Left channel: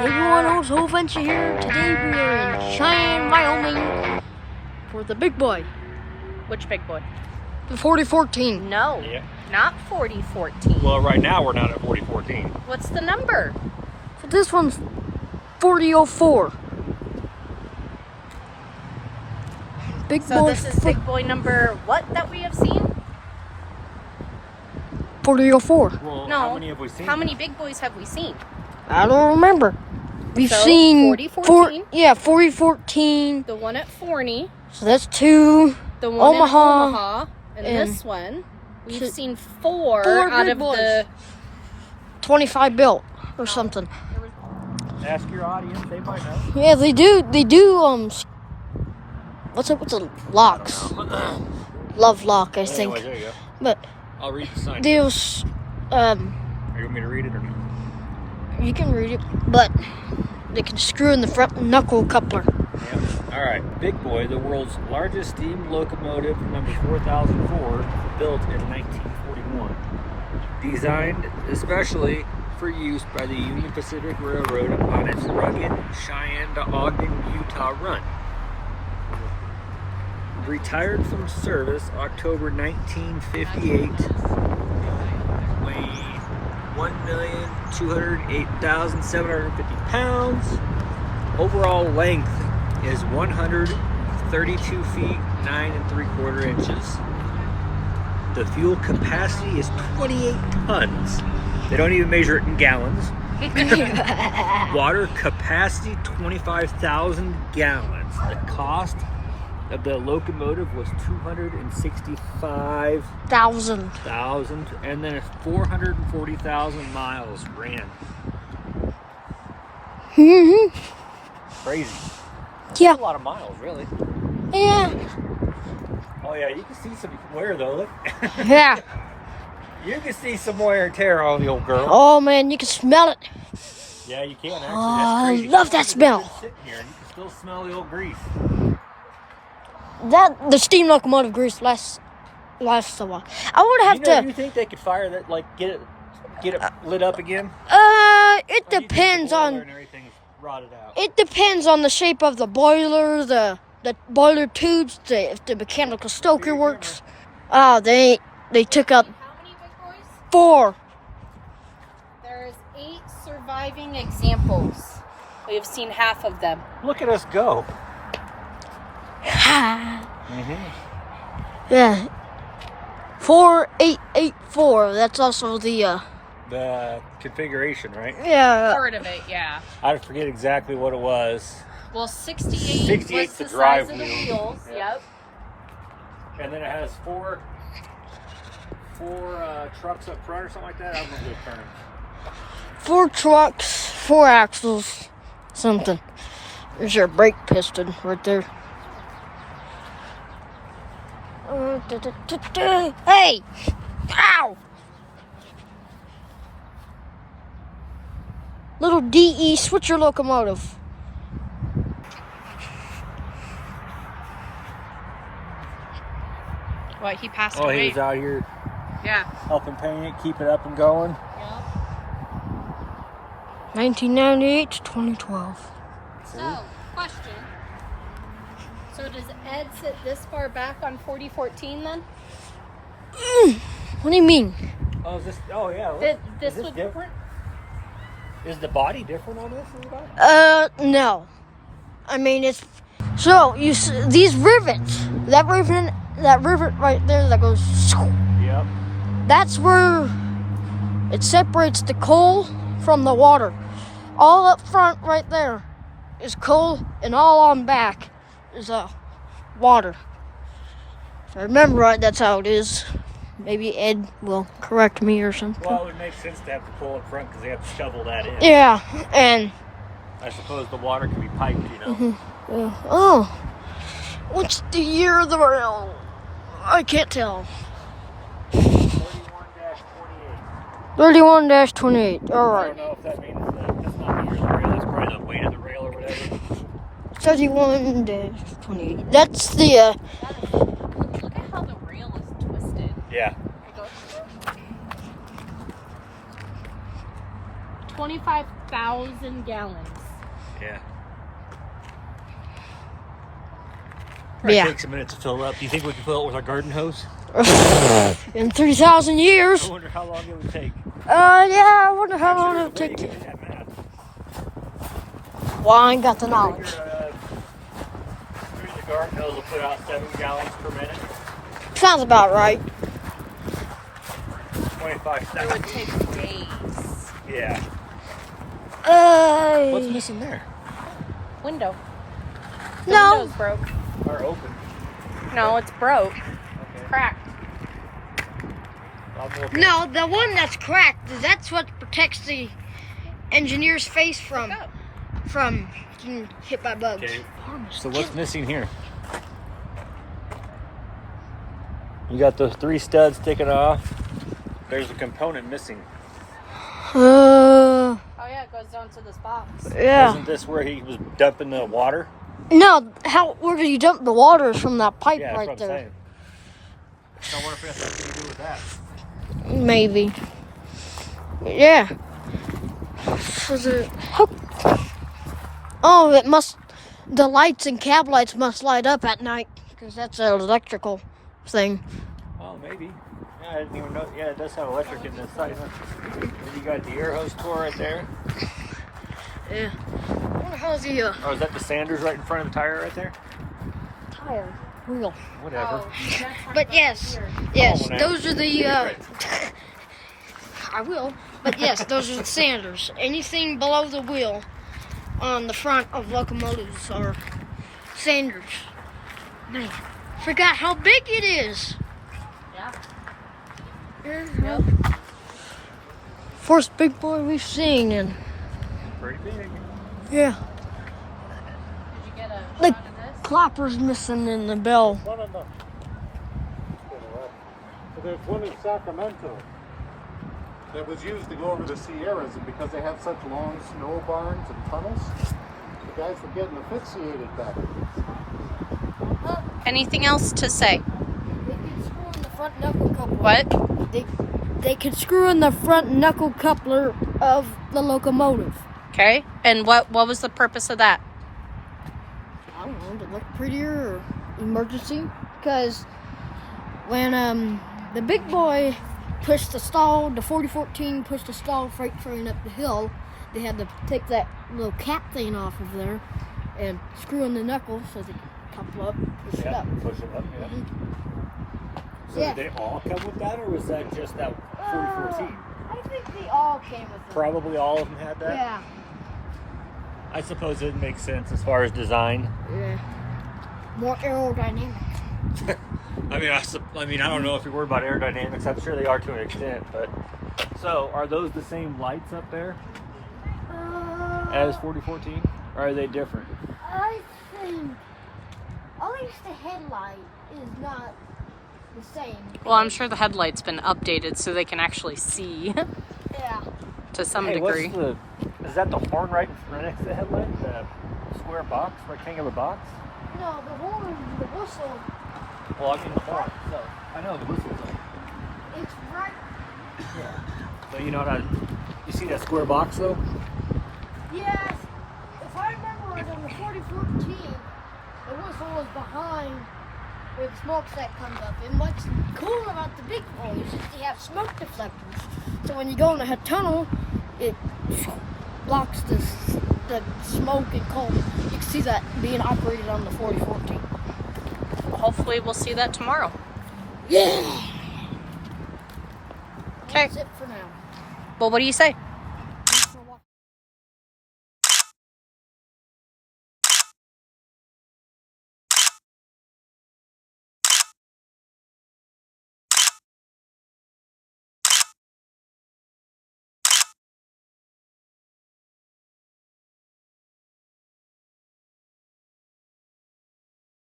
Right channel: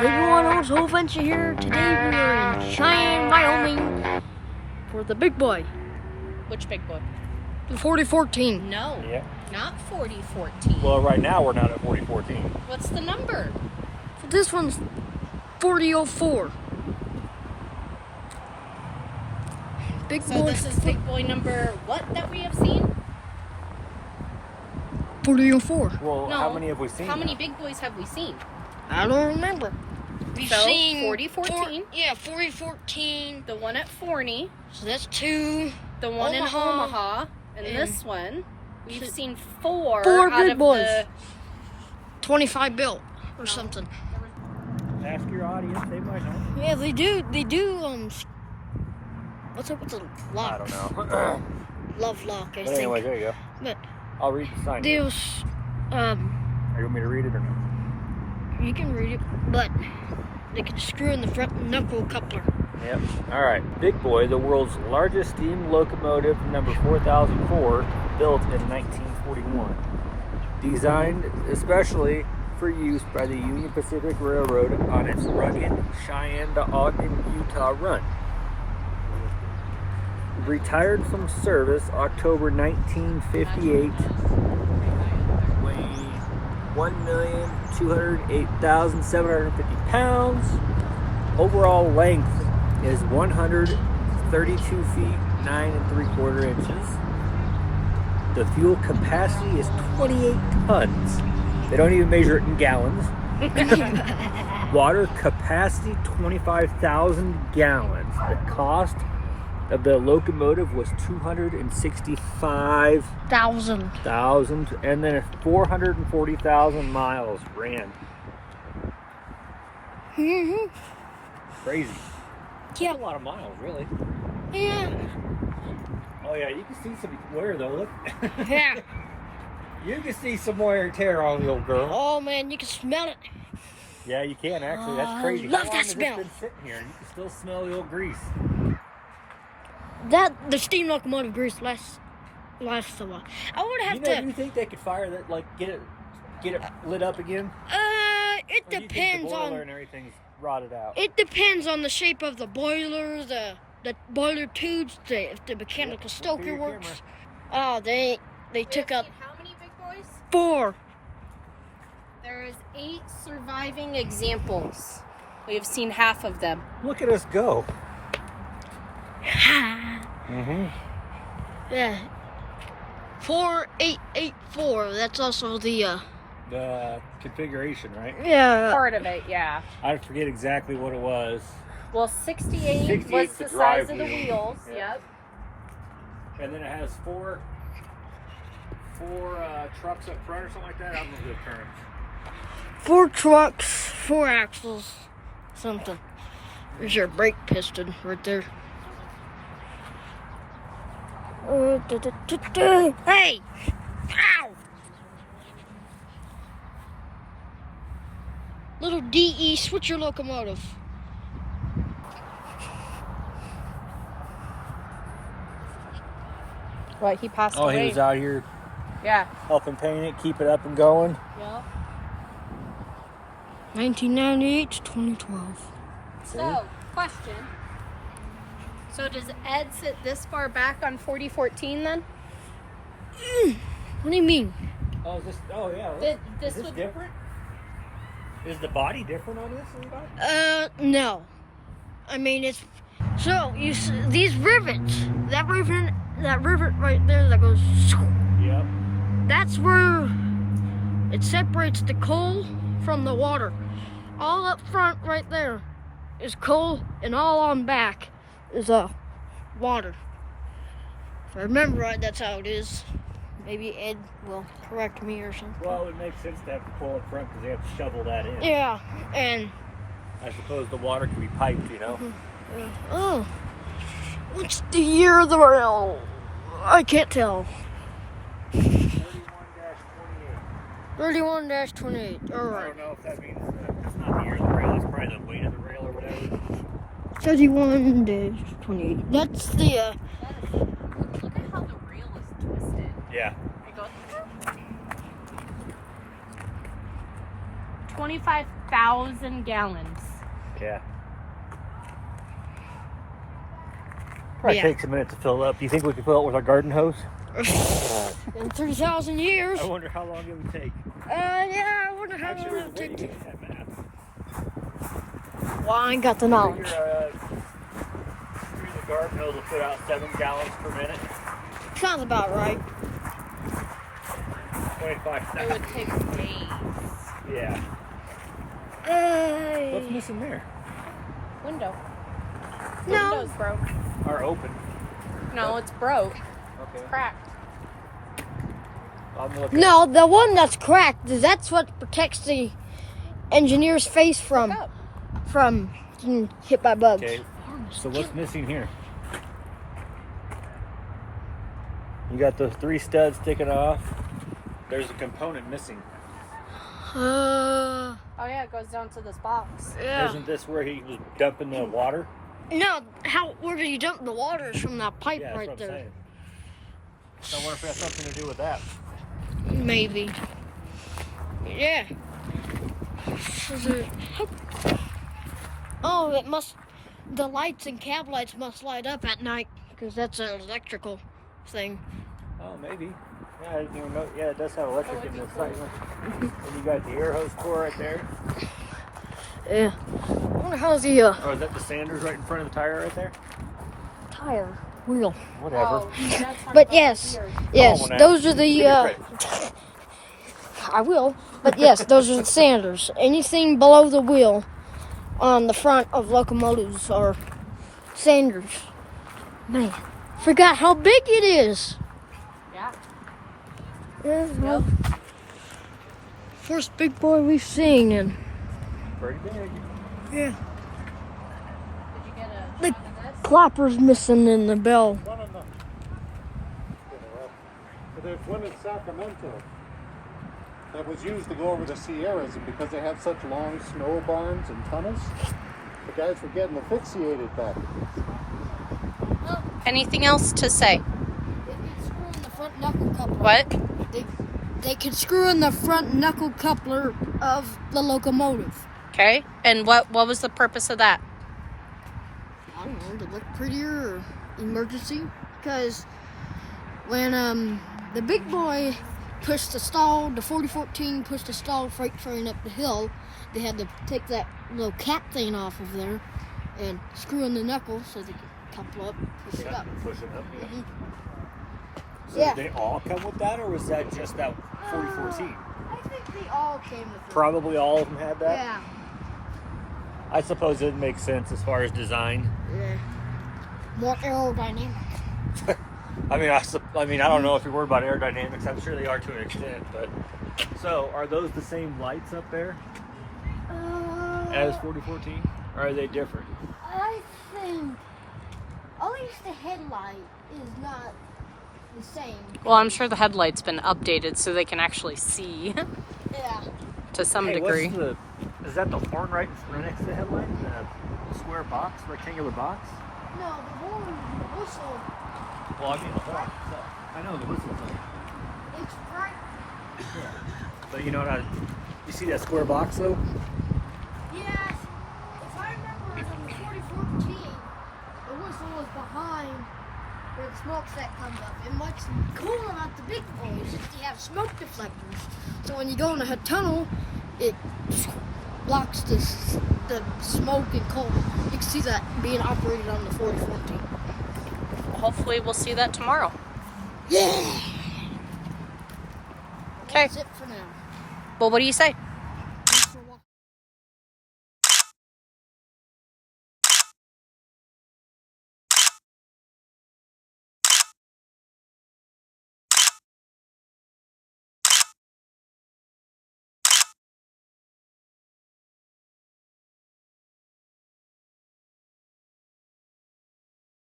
Hey everyone, host Whole Venture here. Today we are in Cheyenne, Wyoming for the big boy. Which big boy? The 4014. No, Yeah. not 4014. Well, right now we're not at 4014. What's the number? So this one's 4004. Big So boy. this is big boy number what that we have seen? 4004. Well, No. how many have we seen? How many big boys have we seen? I don't remember. We've So, seen 4014. 4014. The one at Forney, So that's two. the one Omaha, in Omaha, and and this one. We've so- seen four four out big of boys. the 25 built or something. Ask your audience; they might know. Yeah, they do. What's up with the locks? I don't know. Love lock, I think. Anyway, there you go. But I'll read the sign. there's Are you want me to read it or no? you can read it, but they can screw in the front knuckle coupler. Yep. All right. Big Boy, the world's largest steam locomotive, number 4004, built in 1941. Designed especially for use by the Union Pacific Railroad on its rugged Cheyenne to Ogden, Utah run. Retired from service October 1958, weighed 1,208,750 pounds. Overall length is 132 feet 9 3/4 inches. The fuel capacity is 28 tons. They don't even measure it in gallons. Water capacity 25,000 gallons. The cost of the locomotive was $265,000, 1,000. and then 440,000 miles ran. Crazy. Yeah. A lot of miles, really. Yeah. Oh yeah, you can see some wear though. Look, Yeah. you can see some wear and tear on the old girl. Oh man, you can smell it. Yeah, you can actually. Oh, That's crazy. I love How that long has it smell. been sitting here, and you can still smell the old grease. The steam locomotive grease lasts a while. I would have Do you think they could fire that, like get it lit up again? it Or do you think depends the boiler on. and everything's rotted out. It depends on the shape of the boiler, the boiler tubes, if the mechanical stoker your works. Oh, they took out How many big boys? 4. There is 8 surviving examples. We have seen half of them. Look at us go. Mm-hmm. Yeah. 4884. That's also the The configuration, right? yeah. Part of it, yeah. I forget exactly what it was. Well, 68 68's was the the size drive of the wheel. wheels. Yeah. Yep. And then it has four trucks up front or something like that. I don't know the term. 4 trucks, 4 axles, something. There's your brake piston right there. Hey! Ow! Little DE switcher locomotive. What, he passed Oh, away? he was out here Yeah. helping paint it, keep it up and going. Yep. 1998 to 2012. So, question. So does Ed sit this far back on 4014 then? What do you mean? Oh, is this? Oh, yeah. This Is this would- different? Is the body different on this? No. I mean, it's so these rivets. That rivet right there that goes. Yeah. That's where it separates the coal from the water. All up front right there is coal, and all on back is water. If I remember right, that's how it is. Maybe Ed will correct me or something. Well, it would make sense to have the coal in front because they have to shovel that in. Yeah, and I suppose the water could be piped, you know? oh, what's the year of the rail? I can't tell. 31-28. 31-28. All I right. don't know if that means that's not the year of the rail. That's probably the weight of the rail or whatever. 31-28. That's the Look at how the rail is twisted. Yeah. It goes 25,000 gallons. Yeah. Probably Yeah. takes a minute to fill up. Do you think we can fill it with our garden hose? In 3,000 years. I wonder how long it would take. Yeah, I wonder how long it'll take to. Well, I ain't got the knowledge. The garden hose will put out 7 gallons per minute. Sounds about right. 25 It seconds. would take days. Yeah. What's missing there? Window. The No. window's broke. Or open. No, it's broke. Okay. Cracked. No, the one that's cracked, that's what protects the engineer's face from getting hit by bugs. Okay. So what's missing here? You got those 3 studs sticking off. There's a component missing. Oh yeah, it goes down to this box. Yeah. Isn't this where he was dumping the water? No, where did you dump the water from that pipe Yeah, right that's what I'm there? saying. So I wonder if it has something to do with that. Maybe. Yeah. Oh, it must. The lights and cab lights must light up at night because that's an electrical thing. Oh, maybe. Yeah, I didn't even know. Yeah, it does have electric in this side. Huh? And you got the air hose core right there. Yeah. I wonder how the Oh, is that the sanders right in front of the tire right there? tire wheel. Whatever. But yes, whenever. those are the. I will. But yes, those are the sanders. Anything below the wheel on the front of locomotives are sanders. Man, forgot how big it is. Yeah. Yeah. First big boy we've seen, and Pretty big. yeah, Did you get a the shot of this? clapper's missing in the bell. One of them. There's one in Sacramento that was used to go over the Sierras, and because they had such long snow barns and tunnels, the guys were getting asphyxiated back. Anything else to say? They can screw in the front knuckle coupler. What? They can screw in the front knuckle coupler of the locomotive. Okay. And what was the purpose of that? I don't know, to look prettier or emergency. Because when the big boy pushed the 4014 pushed the stalled freight train up the hill, they had to take that little cap thing off of there and screw in the knuckle so they could couple up, push it up. Push it up. Yeah. Mhm. So Yeah. did they all come with that, or was that just that 4014? I think they all came with it. Probably all of them had that. Yeah. I suppose it makes sense as far as design. Yeah. More aerodynamic. I mean, I don't know if you're worried about aerodynamics. I'm sure they are to an extent, but so are those the same lights up there as 4014, or are they different? I think at least the headlight is not the same. Well, I'm sure the headlight's been updated so they can actually see Yeah. to some Hey, degree. Is that the horn right next to the headlight? The square box, rectangular box? No, the horn, the whistle, Well, I mean the horn. So I know the whistle's on. it's right. But you know what? You see that square box though? Yes. If I remember, it was on the 4014. The whistle is behind where the smokestack comes up. And what's cool about the big boys is they have smoke deflectors. So when you go in a tunnel, it blocks the smoke and cold. You can see that being operated on the 4014. Hopefully we'll see that tomorrow. Yeah. Okay. That's it for now. Well, what do you say?